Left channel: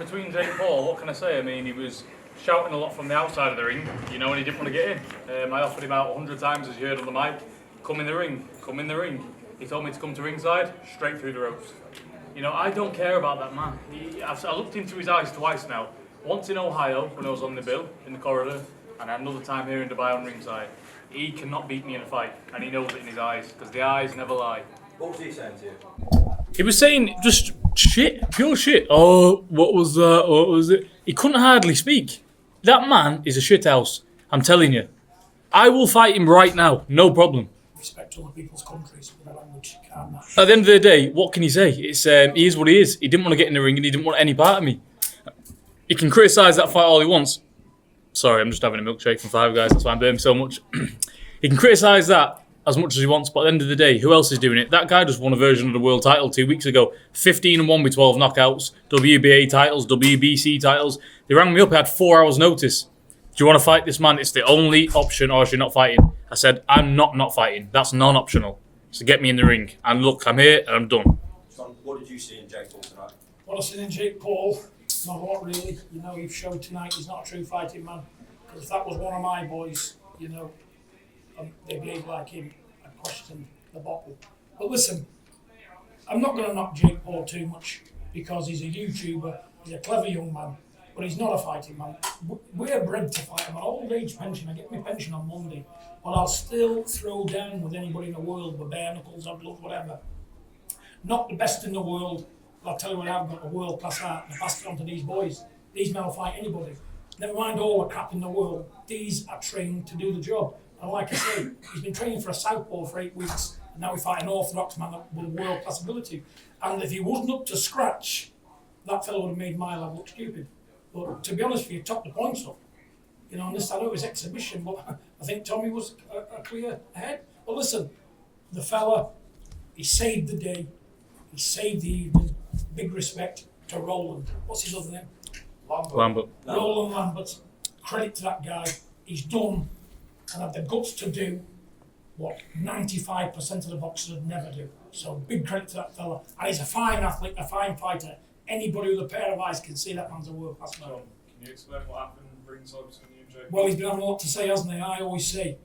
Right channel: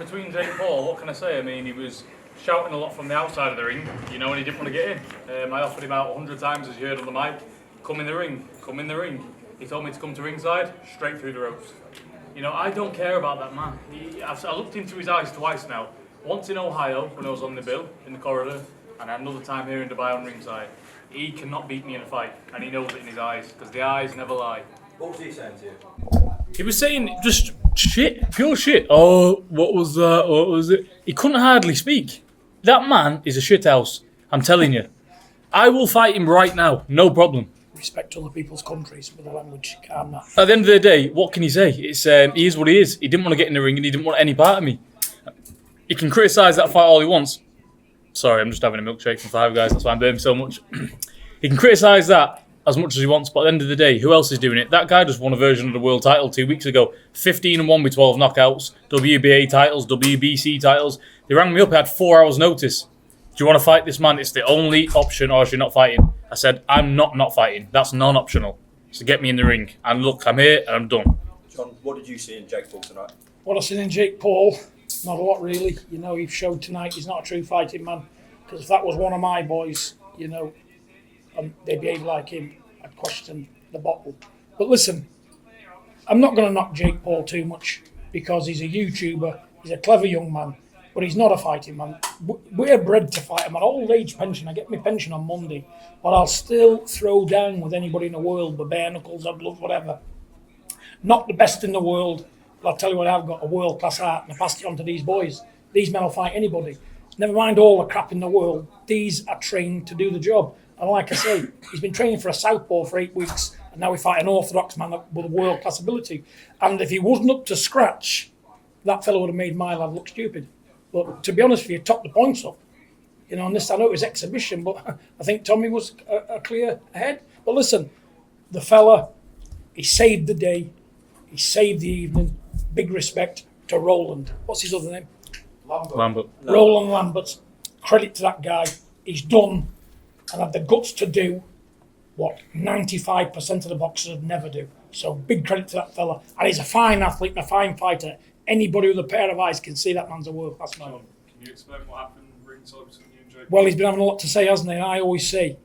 between Jake Paul, what can I say? I mean, he was shouting a lot from the outside of the ring, and he didn't want to get in. I offered him out 100 times, as you heard on the mic. Come in the ring, come in the ring. He told me to come to ringside, straight through the ropes. I don't care about that man. I looked into his eyes twice now. Once in Ohio, when I was on the bill, in the corridor, and another time here in Dubai on ringside. He cannot beat me in a fight, and he knows it in his eyes, because the eyes never lie. What was he saying to you? He was saying just shit, pure shit. Oh, what was that? What was it? He couldn't hardly speak. That man is a shithouse, I'm telling you. I will fight him right now, no problem. Respect other people's countries with the language. Calm that. At the end of the day, what can he say? It's he is what he is. He didn't want to get in the ring and he didn't want any part of me. He can criticise that fight all he wants. Sorry, I'm just having a milkshake from Five Guys, that's why I'm doing so much. He can criticise that as much as he wants, but at the end of the day, who else is doing it? That guy just won a version of the world title 2 weeks ago. 15-1 with 12 knockouts, WBA titles, WBC titles. They rang me up, I had 4 hours notice. Do you want to fight this man? It's the only option, or is you not fighting? I said, I'm not fighting. That's non-optional. So get me in the ring. And look, I'm here and I'm done. John, what did you see in Jake Paul tonight? What I seen in Jake Paul, not a lot really. He showed tonight he's not a true fighting man. Because if that was one of my boys, and they behave like him, I'd question the bottle. But listen, I'm not going to knock Jake Paul too much because he's a YouTuber, he's a clever young man, but he's not a fighting man. We're bred to fight. I'm on old age pension. I get my pension on Monday, but I'll still throw down with anybody in the world with bare knuckles or gloves, whatever. Not the best in the world, but I'll tell you what, I've got a world-class art and I passed it on to these boys. These men will fight anybody. Never mind all the crap in the world, these are trained to do the job. And like I say, he's been training for a southpaw for 8 weeks, and now we fight an orthodox man with a world-class ability. And if he wasn't up to scratch, that fellow would have made my lad look stupid. But to be honest with you, top the points up. On this, I know it was exhibition, but I think Tommy was a clear ahead. But listen, the fella, he saved the day, he saved the evening. Big respect to Roland. What's his other name? Lambert. Roland Lambert. Credit to that guy. He's done and had the guts to do what 95% of the boxers would never do. So big credit to that fella. And he's a fine athlete and a fine fighter. Anybody with a pair of eyes can see that man's a world-class man. John, can you explain what happened ringside between you and Jake? Well, he's been having a lot to say, hasn't he? And I always say,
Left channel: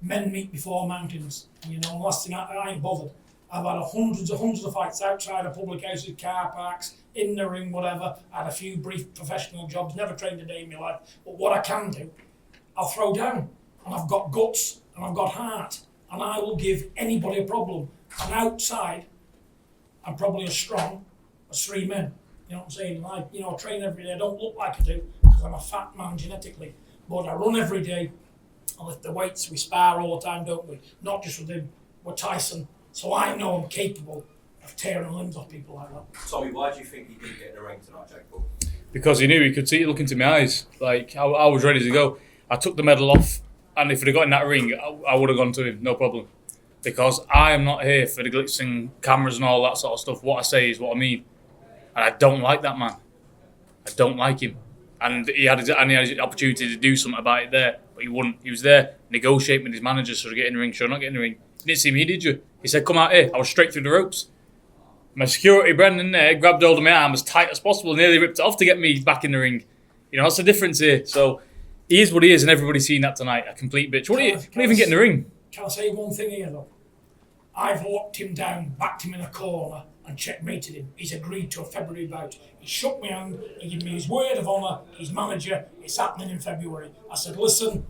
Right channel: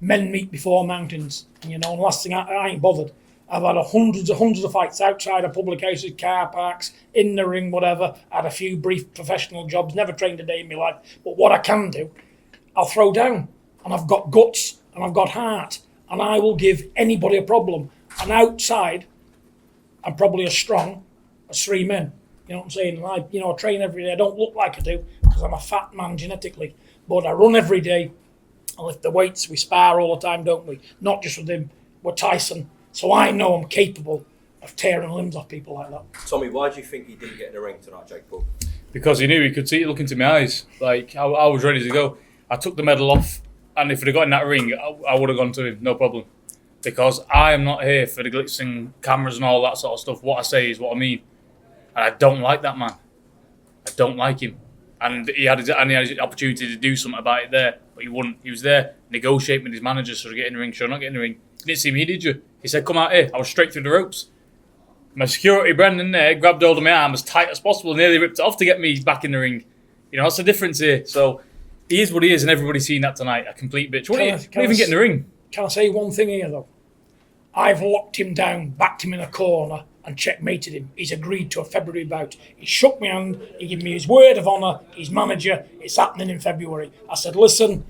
men meet before mountains. And and last thing, I ain't bothered. I've had hundreds of fights outside of public houses, car parks, in the ring, whatever. I had a few brief professional jobs, never trained a day in my life. But what I can do, I'll throw down. And I've got guts and I've got heart. And I will give anybody a problem. And outside, I'm probably as strong as 3 men. You know what I'm saying? I train every day. I don't look like I do because I'm a fat man genetically. But I run every day. I lift the weights. We spar all the time, don't we? Not just with him. We're Tyson. So I know I'm capable of tearing limbs off people like that. Tommy, why do you think he didn't get in the ring tonight, Jake Paul? Because he knew he could see it, look into my eyes. Like, I was ready to go. I took the medal off, and if he'd have got in that ring, I would have gone to him, no problem. Because I am not here for the glitz and cameras and all that sort of stuff. What I say is what I mean. And I don't like that man. I don't like him. And he had his opportunity to do something about it there, but he wouldn't. He was there negotiating with his manager, so to get in the ring, sure, not get in the ring. You didn't see me, did you? He said, come out here. I was straight through the ropes. My security, Brendan, there, grabbed hold of my arm as tight as possible, nearly ripped it off to get me back in the ring. That's the difference here. So he is what he is, and everybody's seen that tonight. A complete bitch. Can't even get in the ring. Can I say one thing here, though? I've locked him down, backed him in a corner, and checkmated him. He's agreed to a February bout. He shook my hand, he gave me his word of honour, his manager, it's happening in February. I said, listen,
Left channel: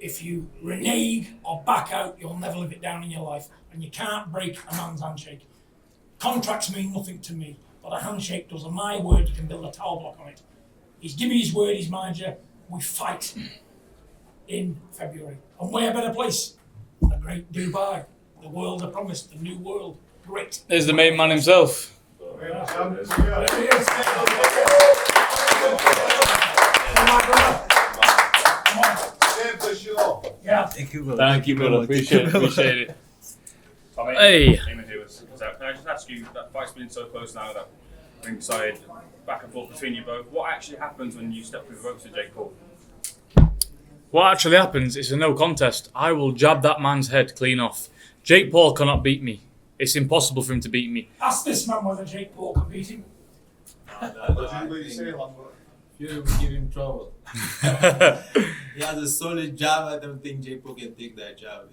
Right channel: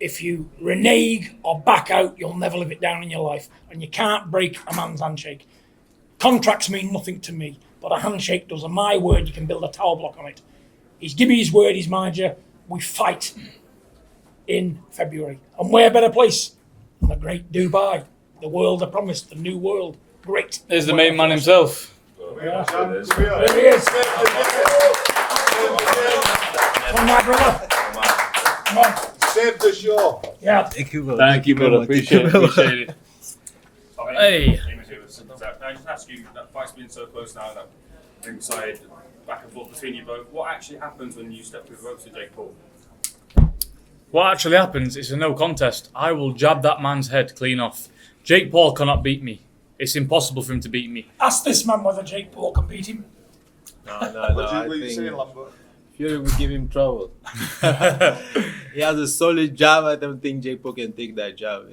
if you renege or back out, you'll never live it down in your life. And you can't break a man's handshake. Contracts mean nothing to me, but a handshake does. And my word, you can build a tower block on it. He's given me his word, his manager. We fight in February. And where better place than the great Dubai? The world I promised, the new world. Great. There's the main man himself. Yeah. There he is. Come on, brother. Come on. Save the show. Yeah. Thank you, brother. Appreciate it. Hey. Can I just ask you, that fight's been so close now, that ringside back and forth between you both, what actually happens when you step through the ropes with Jake Paul? What actually happens is a no contest. I will jab that man's head clean off. Jake Paul cannot beat me. It's impossible for him to beat me. Ask this man whether Jake Paul can beat him. No. What did you say, Lambert? Fury will give him trouble. He has a solid jab. I don't think Jake Paul can take that jab.